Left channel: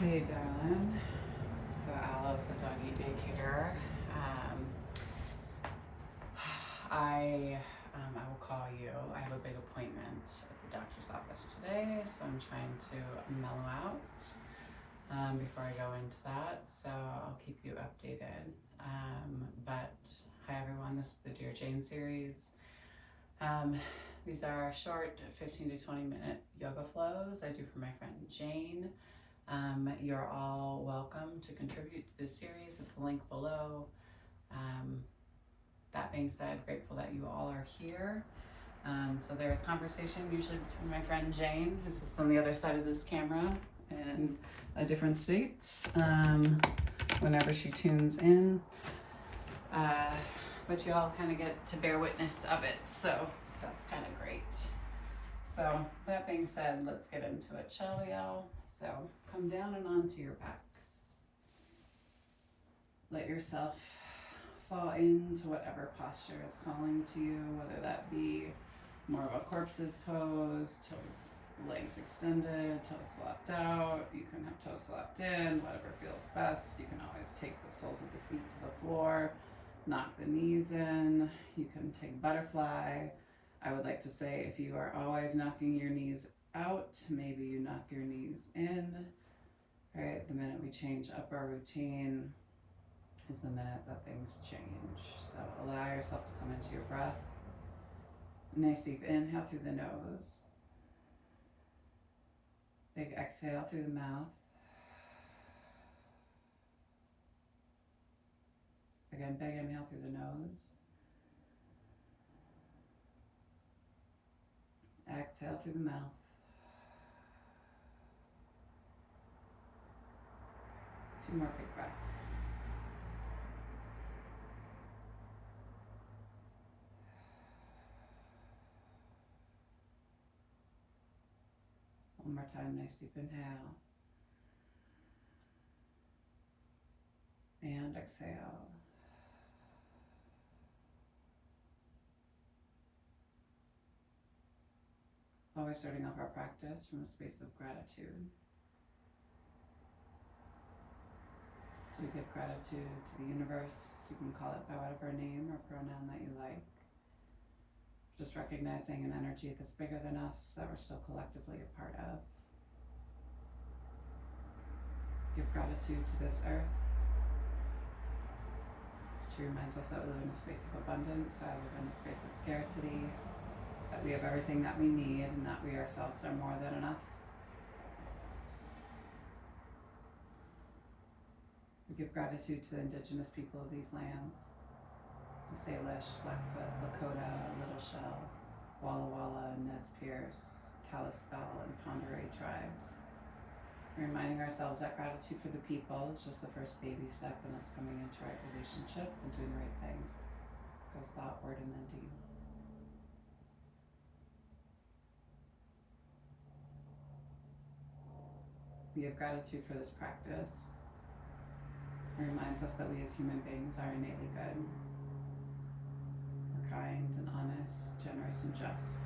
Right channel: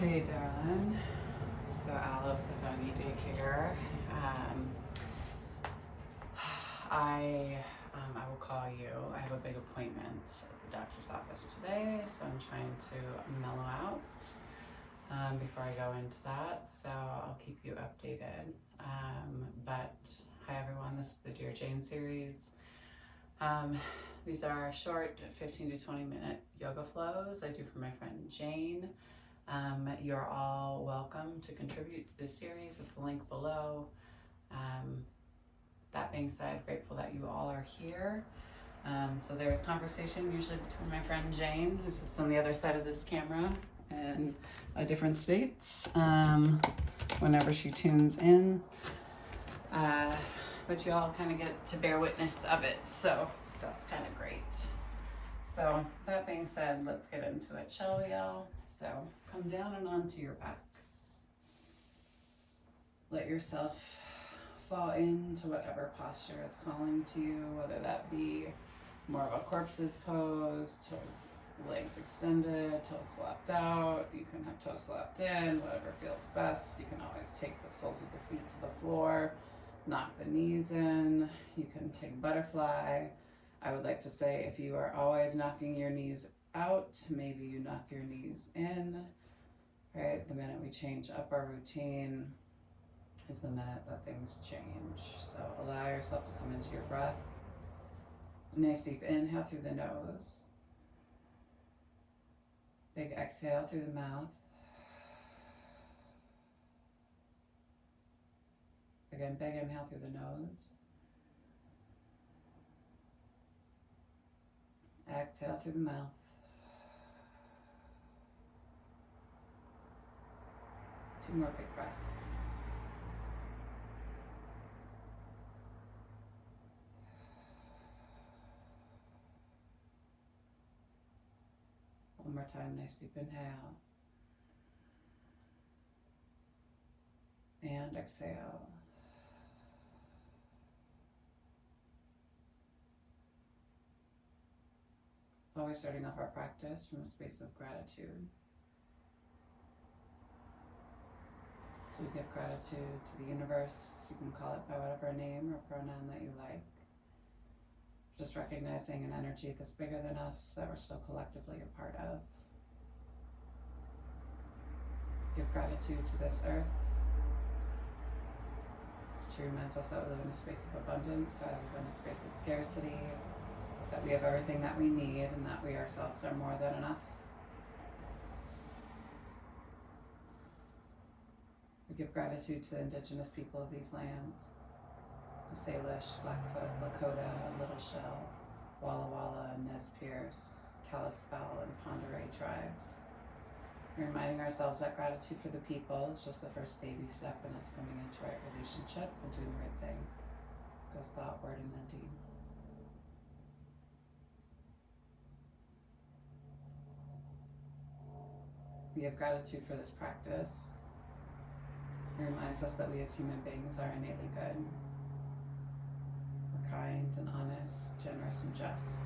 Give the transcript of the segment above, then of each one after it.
Hey, darling. So Alice at doggy daycare. Um, I will call you. I have a big appointment at the doctor's office today, so I'm trying to mellow out before I go into that. So I'll keep you updated. But hi everyone. This is the Dear Jane series. These are short 15 to 20 minute yoga flows I do for my friend Jane. You're all welcome to contribute to this series at the link below. That being said, grateful that you all are here. So there's conversation usually between my friend Jane, who sits on the other side of this camera, in different states whenever she tunes in. But you all kind of get to bear witness of it, so that's kind of great. So that being said, let's get into it, shall we all? So come down and onto your backs. Let yourself fall into whatever posture is calling to you, whether that be more of a corpse's pose, toes, legs extended, toes flapped out. You can have toes flapped in, whatever feels best. You can always take the soles of the feet to the floor, knock the knees in. You can take butterfly. I would like to say if you are always knocking your knees out, maybe you knock your knees in. Right, the minute we change up our routine is the minute that things change. So allow yourself to come into your breath. A nice deep inhale through the nose. Big exhale through the mouth. Again, big inhale through the nose. Exhale through the mouth. Two more big breaths. One more time, nice deep inhale. And exhale. Always starting off our practice from a space of gratitude. So we give gratitude to the universe. You can call it by whatever name or pronoun that you like. Just recognizing an energy that's bigger than us that we're still collectively a part of. Give gratitude to this earth. She reminds us that we live in a space of abundance, that we live in a space of scarcity, that we have everything that we need, and that we ourselves are more than enough. We give gratitude to the indigenous people of these lands, the Salish, Blackfoot, Lakota, Little Shell, Walla Walla, Nez Perce, Kalispel, and Pend Oreille tribes. Reminding ourselves that gratitude for the people is just the first baby step in us coming into right relationship and doing the right thing. Goes thought, word, and then deed. We have gratitude for this practice. It reminds us that we as human beings are innately good. We're kind and honest, generous and just.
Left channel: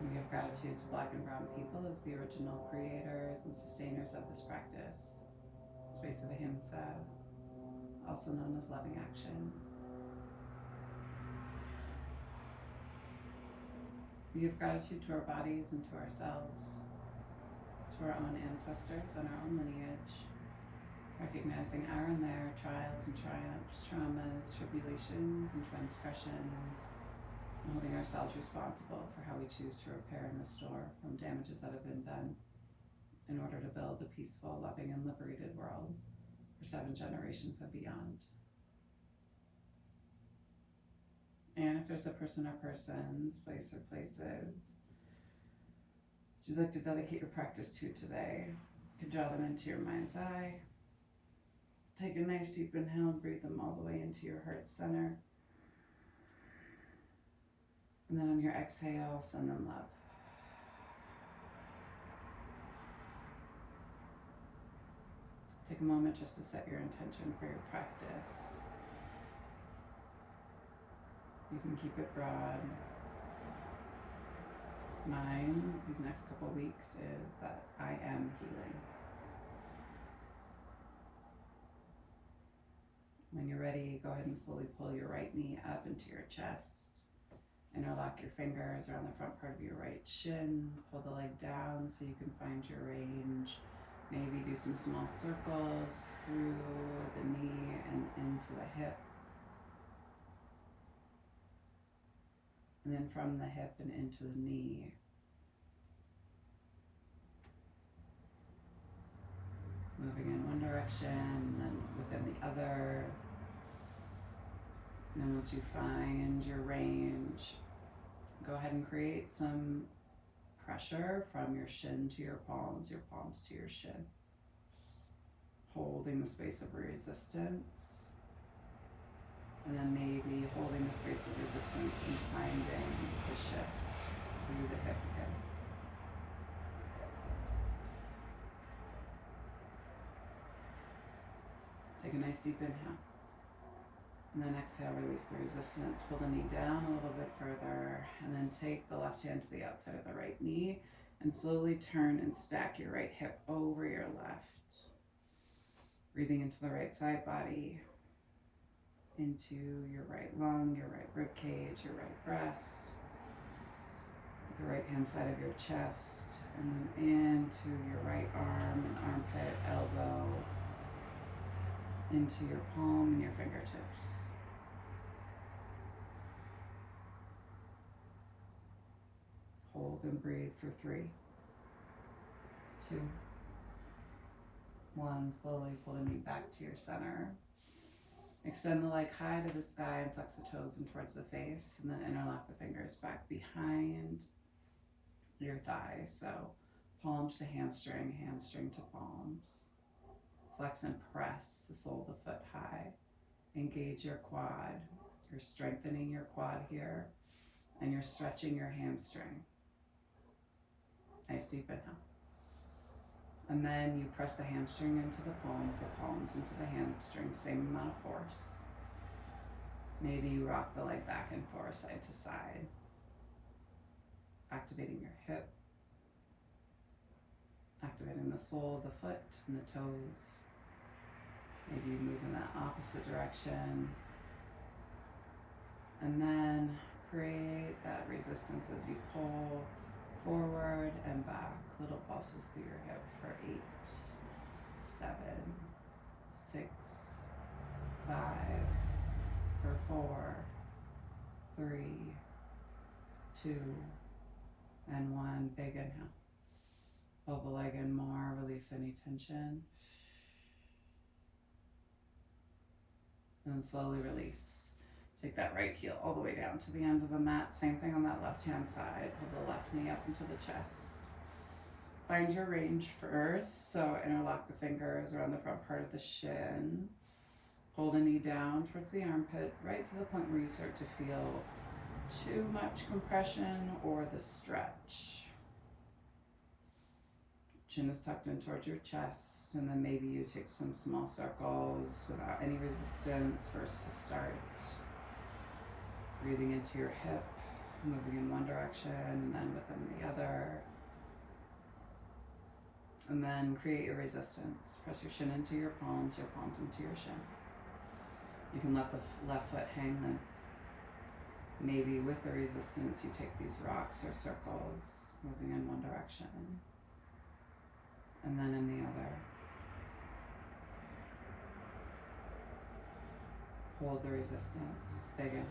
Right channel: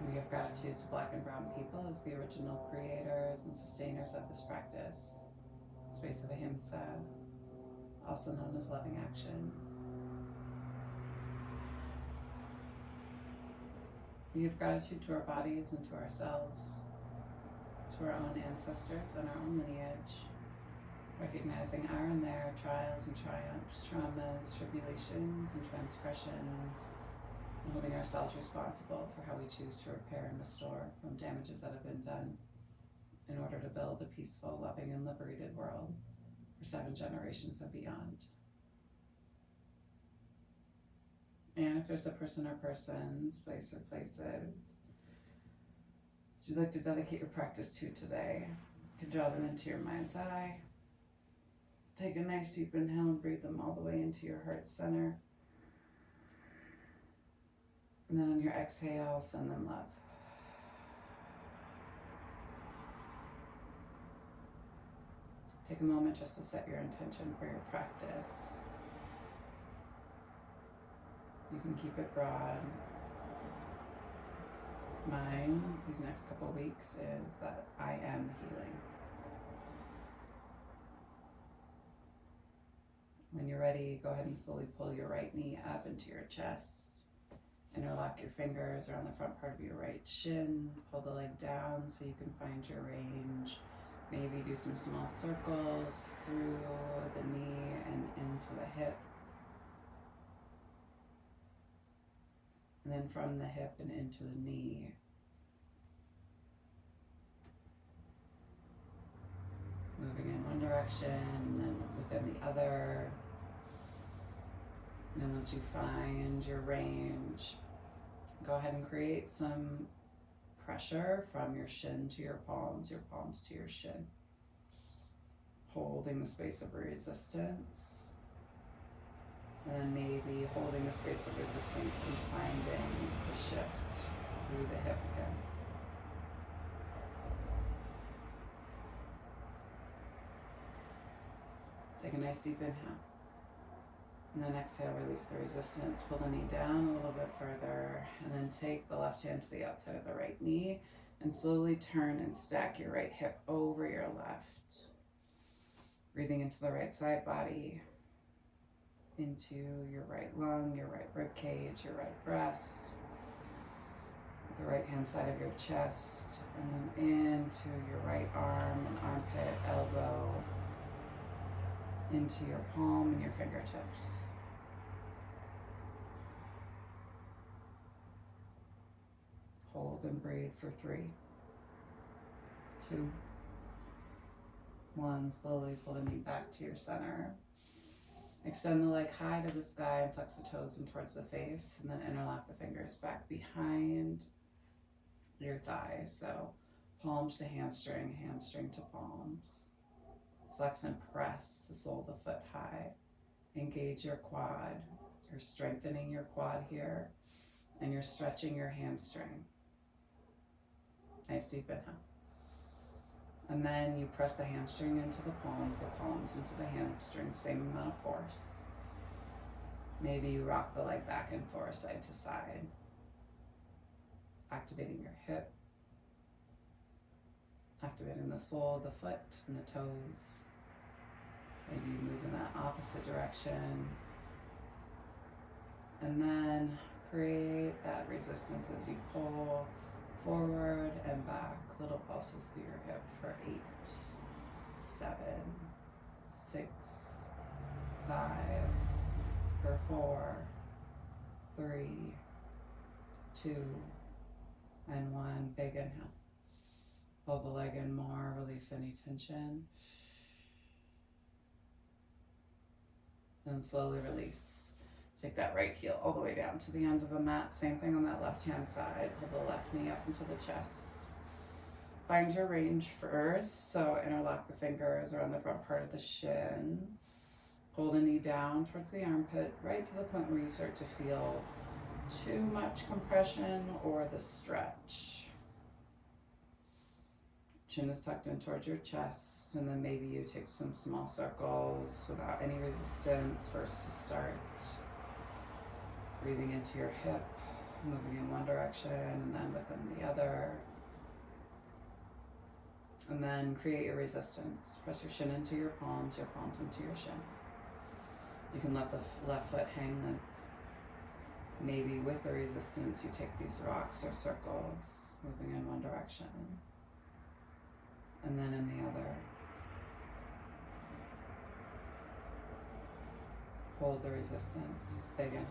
We give gratitude to Black and Brown people as the original creators and sustainers of this practice. Space of ahimsa, also known as loving action. We give gratitude to our bodies and to ourselves, to our own ancestors and our own lineage, recognizing our and their trials and triumphs, traumas, tribulations, and transgressions, and holding ourselves responsible for how we choose to repair and restore from damages that have been done in order to build a peaceful, loving, and liberated world for 7 generations and beyond. And if there's a person or persons, place or places you'd like to dedicate your practice to today, you can draw them into your mind's eye. Take a nice deep inhale and breathe them all the way into your heart center. And then on your exhale, send them love. Take a moment just to set your intention for your practice. You can keep it broad. Mine, these next couple weeks, is that I am healing. When you're ready, go ahead and slowly pull your right knee up into your chest. Interlock your fingers around the front part of your right shin. Pull the leg down so you can find your range. Maybe do some small circles through the knee and into the hip. And then from the hip and into the knee. Moving in one direction and then within the other. And then once you find your range, go ahead and create some pressure from your shin to your palms to your shin. Holding the space of resistance. And then maybe holding the space of resistance and finding the shift through the hip again. Take a nice deep inhale. And then exhale, release the resistance. Pull the knee down a little bit further. And then take the left hand to the outside of the right knee. And slowly turn and stack your right hip over your left. Breathing into the right side body. Into your right lung, your right rib cage, your right breast. The right hand side of your chest. And then into your right arm and armpit, elbow. Into your palm and your fingertips. Hold and breathe for 3, 2, 1. Slowly pull the knee back to your center. Extend the leg high to the sky and flex the toes in towards the face. And then interlock the fingers back behind your thighs. So palms to hamstring, hamstring to palms. Flex and press the sole of the foot high. Engage your quad. You're strengthening your quad here. And you're stretching your hamstring. Nice deep inhale. And then you press the hamstring into the palms into the hamstring, same amount of force. Maybe you rock the leg back and forth, side to side. Activating your hip. Activating the sole of the foot and the toes. Maybe you move in that opposite direction. And then create that resistance as you pull forward and back. Little pulses through your hip for 8, 7, 6, 5, for 4, 3, 2, and 1. Big inhale. Pull the leg in more, release any tension. And slowly release. Take that right heel all the way down to the end of the mat. Same thing on that left hand side. Pull the left knee up into the chest. Find your range first. So interlock the fingers around the front part of the shin. Pull the knee down towards the armpit, right to the point where you start to feel too much compression or the stretch. Chin is tucked in towards your chest, and then maybe you take some small circles without any resistance first to start. Breathing into your hip, moving in one direction and then within the other. And then create your resistance. Press your shin into your palms into your shin. You can let the left foot hang then. Maybe with the resistance, you take these rocks or circles, moving in one direction and then in the other. Hold the resistance, big inhale.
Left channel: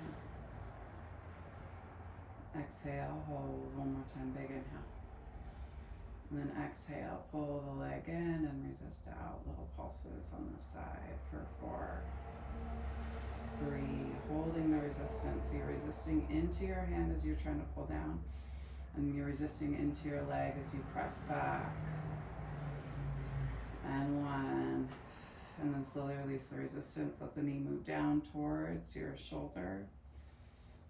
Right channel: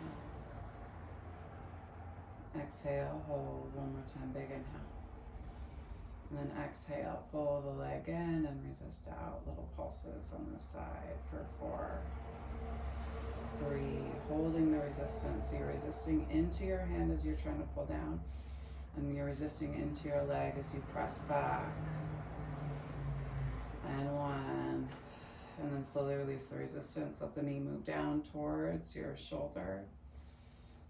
Exhale, hold one more time, big inhale. And then exhale, pull the leg in and resist out. Little pulses on the side for 4, 3, holding the resistance. So you're resisting into your hand as you're trying to pull down, and you're resisting into your leg as you press back. And 1, and then slowly release the resistance. Let the knee move down towards your shoulder.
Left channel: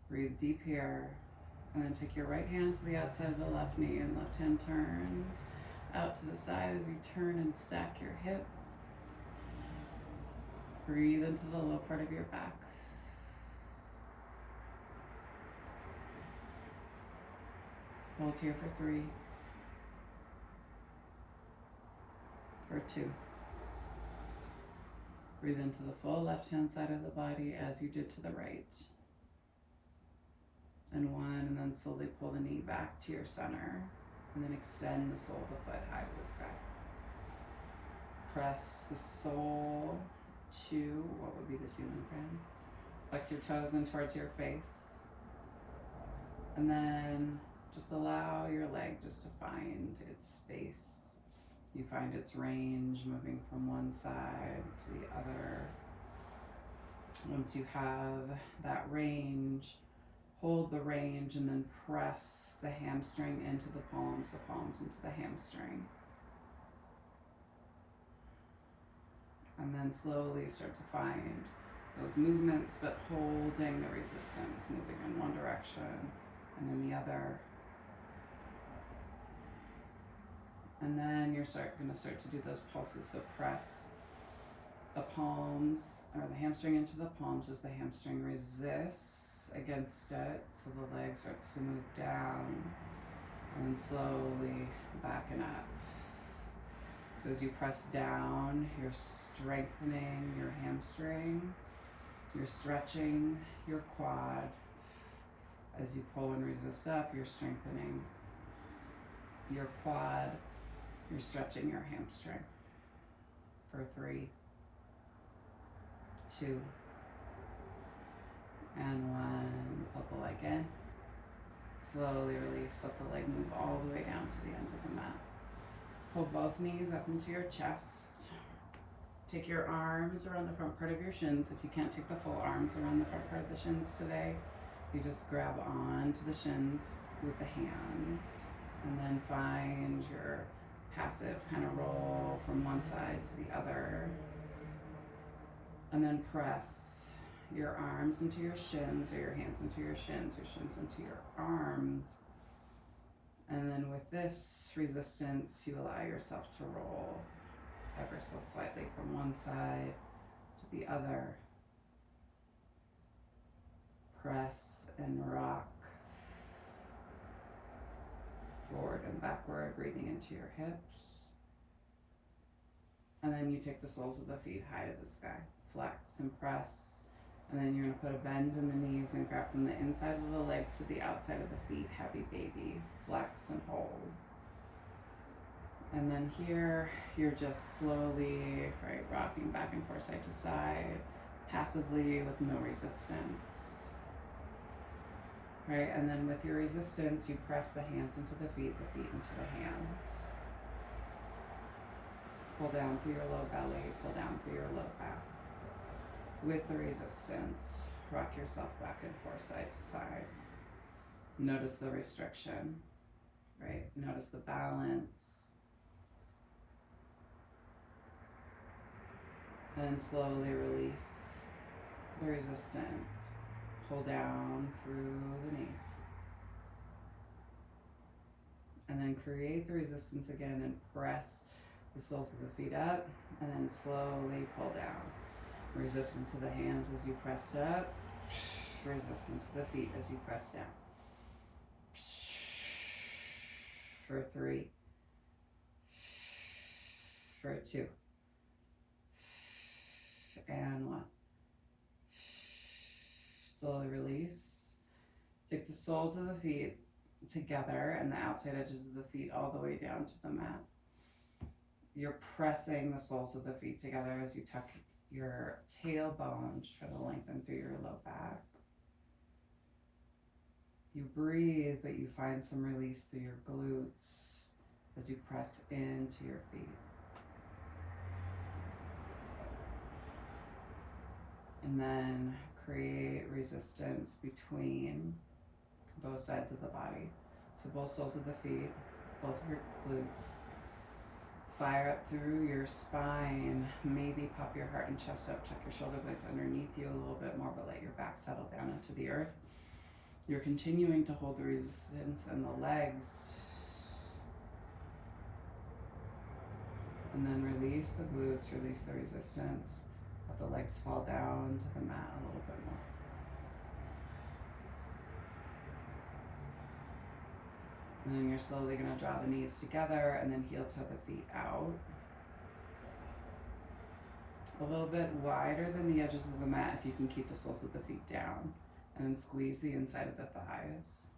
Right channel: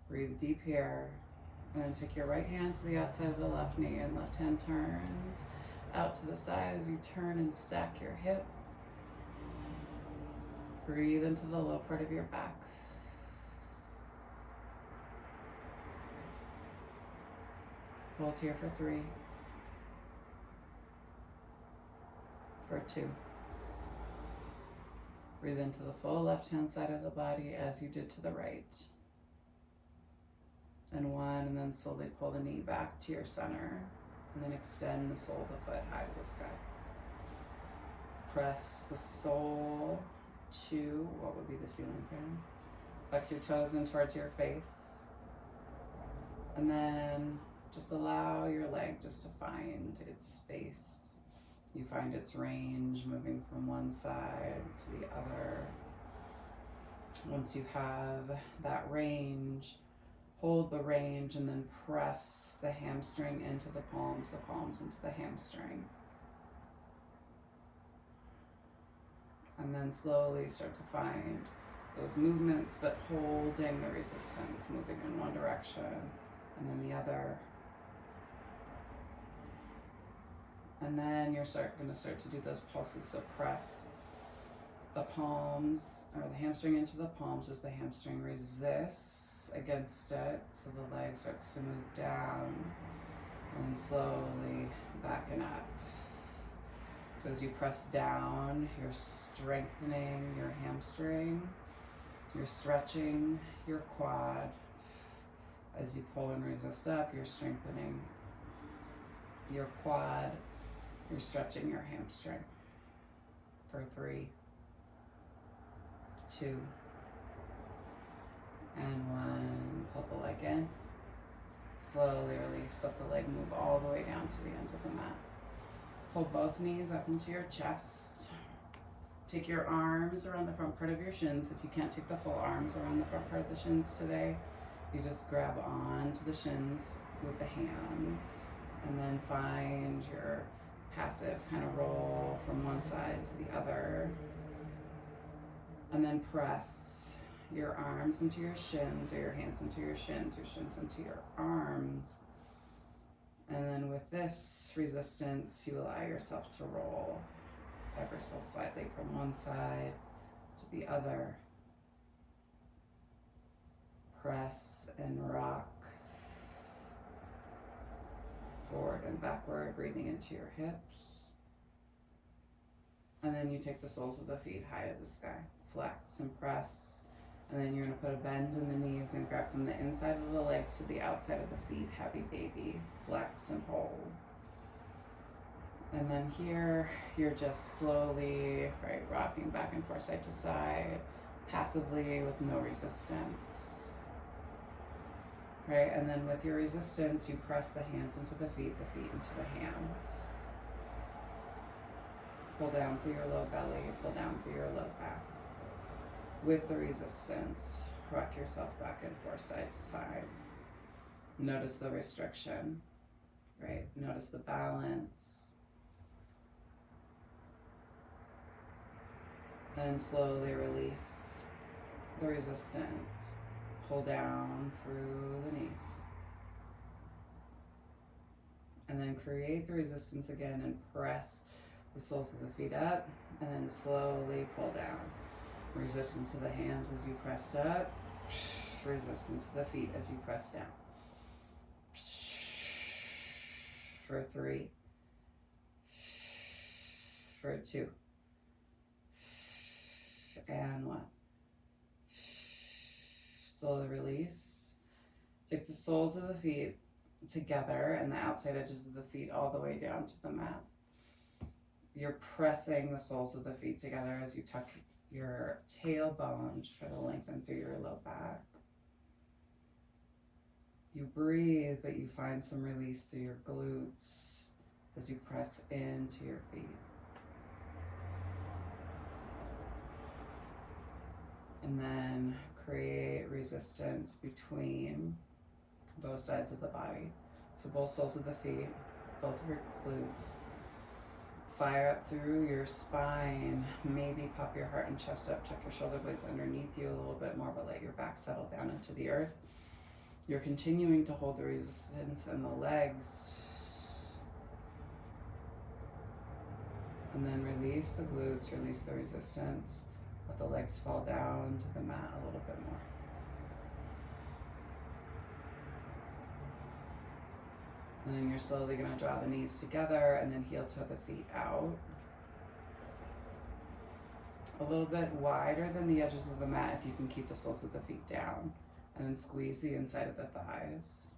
Breathe deep here. And then take your right hand to the outside of the left knee, and left hand turns out to the side as you turn and stack your hip. Breathe into the low part of your back. Hold here for 3, for 2, Breathe into the full left-hand side of the body as you did to the right. And one, and then slowly pull the knee back to your center. And then extend the sole of the foot high to the sky. Press the sole to what would be the ceiling fan. Flex your toes in towards your face. And then just allow your leg just to find its space. You find its range moving from one side to the other. Once you have that range, hold the range and then press the hamstring into the palms into the hamstring. And then slowly start to find those movements, but holding the resistance, moving in one direction and then the other. And then you're going to start to do those pulses. So press the palms or the hamstring into the palms as the hamstring resists against it. So the leg starts to move down and then slowly backing up. So as you press down, you're strengthening your hamstring. You're stretching your quad. As you pull and resist up, you're strengthening your quad. You're stretching your hamstring. For 3, 2, and 1. Pull the leg in. Slowly release. Let the leg move all the way down to the end of the mat. Pull both knees up into your chest. Take your arms around the front part of your shins. If you can't take the full arms around the front part of the shins today, you just grab on to the shins with the hands and then find your passive kind of roll from one side to the other. And then press your arms into your shins or your hands into your shins into your arms. And then with this resistance, you allow yourself to roll ever so slightly from one side to the other. Press and rock forward and backward, breathing into your hips. And then you take the soles of the feet high to the sky. Flex and press. And then you're going to put a bend in the knees and grab from the inside of the legs to the outside of the feet. Happy baby. Flex and hold. And then here, you're just slowly, rocking back and forth side to side, passively with no resistance. And then with your resistance, you press the hands into the feet into the hands. Pull down through your low belly, pull down through your low back. With the resistance, rock yourself back and forth side to side. Notice the restriction, Notice the balance. And slowly release the resistance. Pull down through the knees. And then create the resistance again and press the soles of the feet up and then slowly pull down. Resistance to the hands as you press up. Resistance to the feet as you press down. For 3. For 2. And 1. Slowly release. Take the soles of the feet together and the outside edges of the feet all the way down to the mat. You're pressing the soles of the feet together as you tuck your tailbone to try to lengthen through your low back. You breathe, but you find some release through your glutes as you press into your feet. And then create resistance between both sides of the body. So both soles of the feet, both of your glutes. Fire up through your spine. Maybe pop your heart and chest up. Tuck your shoulder blades underneath you a little bit more, but let your back settle down into the earth. You're continuing to hold the resistance in the legs. And then release the glutes, release the resistance. Let the legs fall down to the mat a little bit more. And then you're slowly going to draw the knees together and then heel toe the feet out. a little bit wider than the edges of the mat if you can keep the soles of the feet down. And then squeeze the inside of the thighs.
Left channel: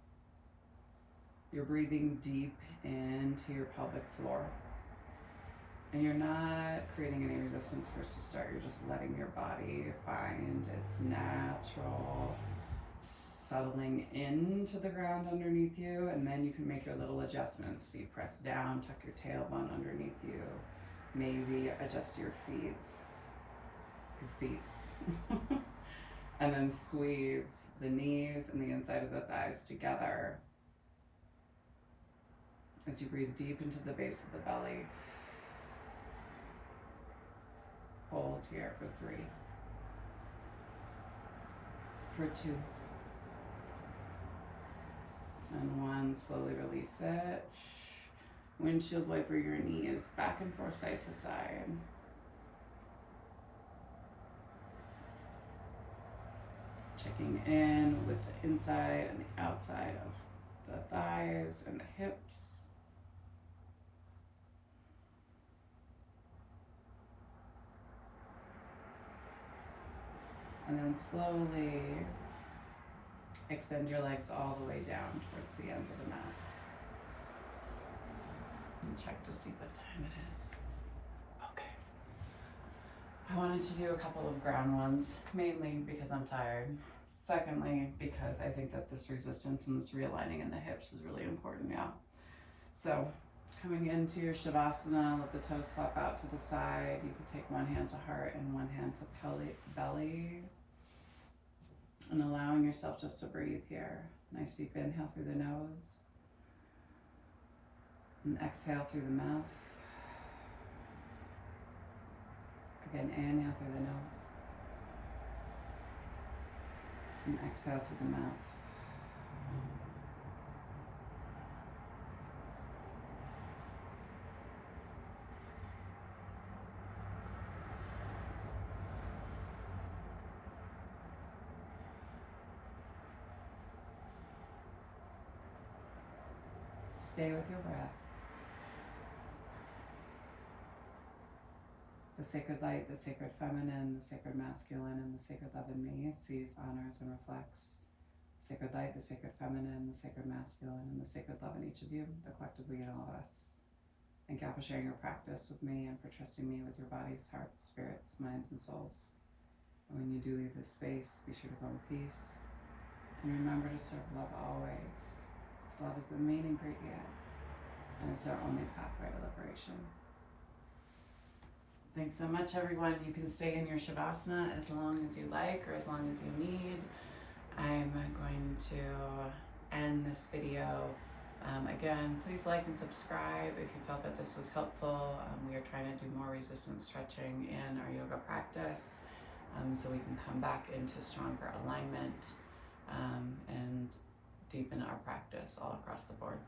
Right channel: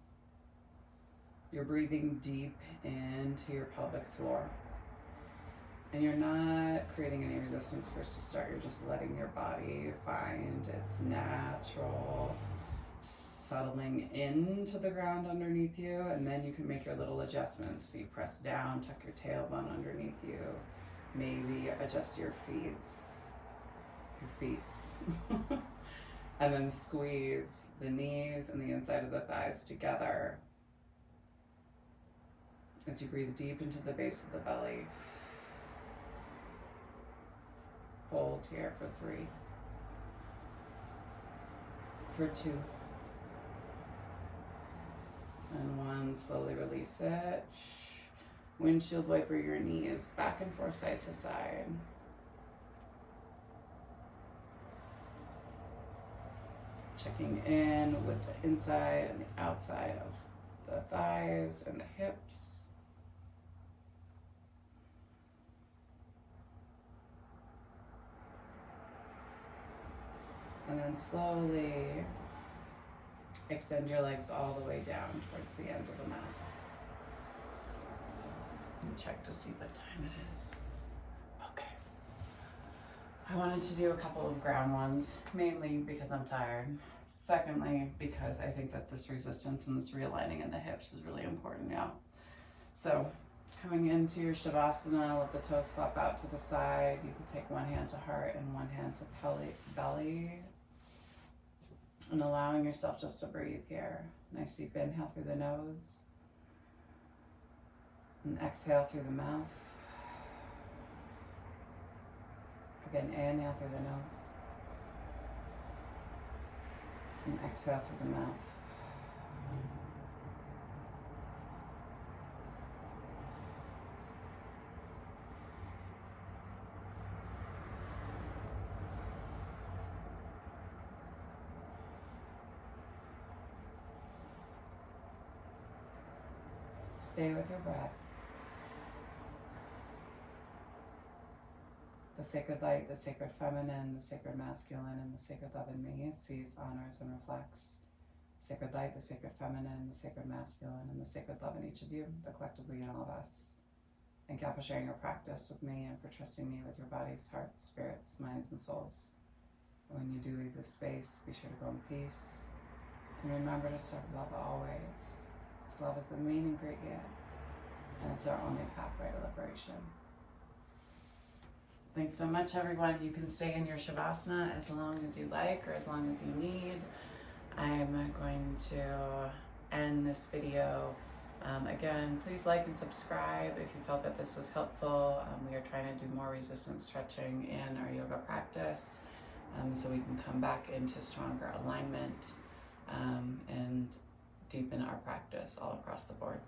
You're breathing deep into your pelvic floor. And you're not creating any resistance first to start. You're just letting your body find its natural settling into the ground underneath you. And then you can make your little adjustments. So you press down, tuck your tailbone underneath you. Maybe adjust your feet. And then squeeze the knees and the inside of the thighs together as you breathe deep into the base of the belly. Hold here for 3, for 2, and 1. Slowly release it. Windshield wiper your knees back and forth, side to side. Checking in with the inside and the outside of the thighs and the hips. And then slowly extend your legs all the way down towards the end of the mat. And check to see what time it is. Okay. I wanted to do a couple of ground ones, mainly because I'm tired. Secondly, because I think that this resistance and this realigning in the hips is really important now. So coming into your Shavasana, let the toes flap out to the side. You can take one hand to heart and one hand to belly. And allowing yourself just to breathe here. Nice deep inhale through the nose. And exhale through the mouth. Again, inhale through the nose. And exhale through the mouth. Stay with your breath. The sacred light, the sacred feminine, the sacred masculine, and the sacred love in me sees, honors, and reflects. The sacred light, the sacred feminine, the sacred masculine, and the sacred love in each of you, the collectively in all of us. Thank you for sharing your practice with me and for trusting me with your bodies, hearts, spirits, minds, and souls. And when you do leave this space, be sure to go in peace. And remember to serve love always. Because love is the main ingredient, and it's our only pathway to liberation. Thanks so much, everyone. You can stay in your Shavasana as long as you like or as long as you need. I'm going to end this video. Again, please like and subscribe if you felt that this was helpful. We are trying to do more resistance stretching in our yoga practice so we can come back into stronger alignment and deepen our practice all across the board.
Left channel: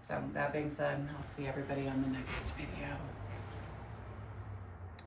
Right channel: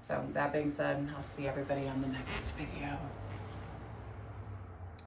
So that being said, I'll see everybody on the next video.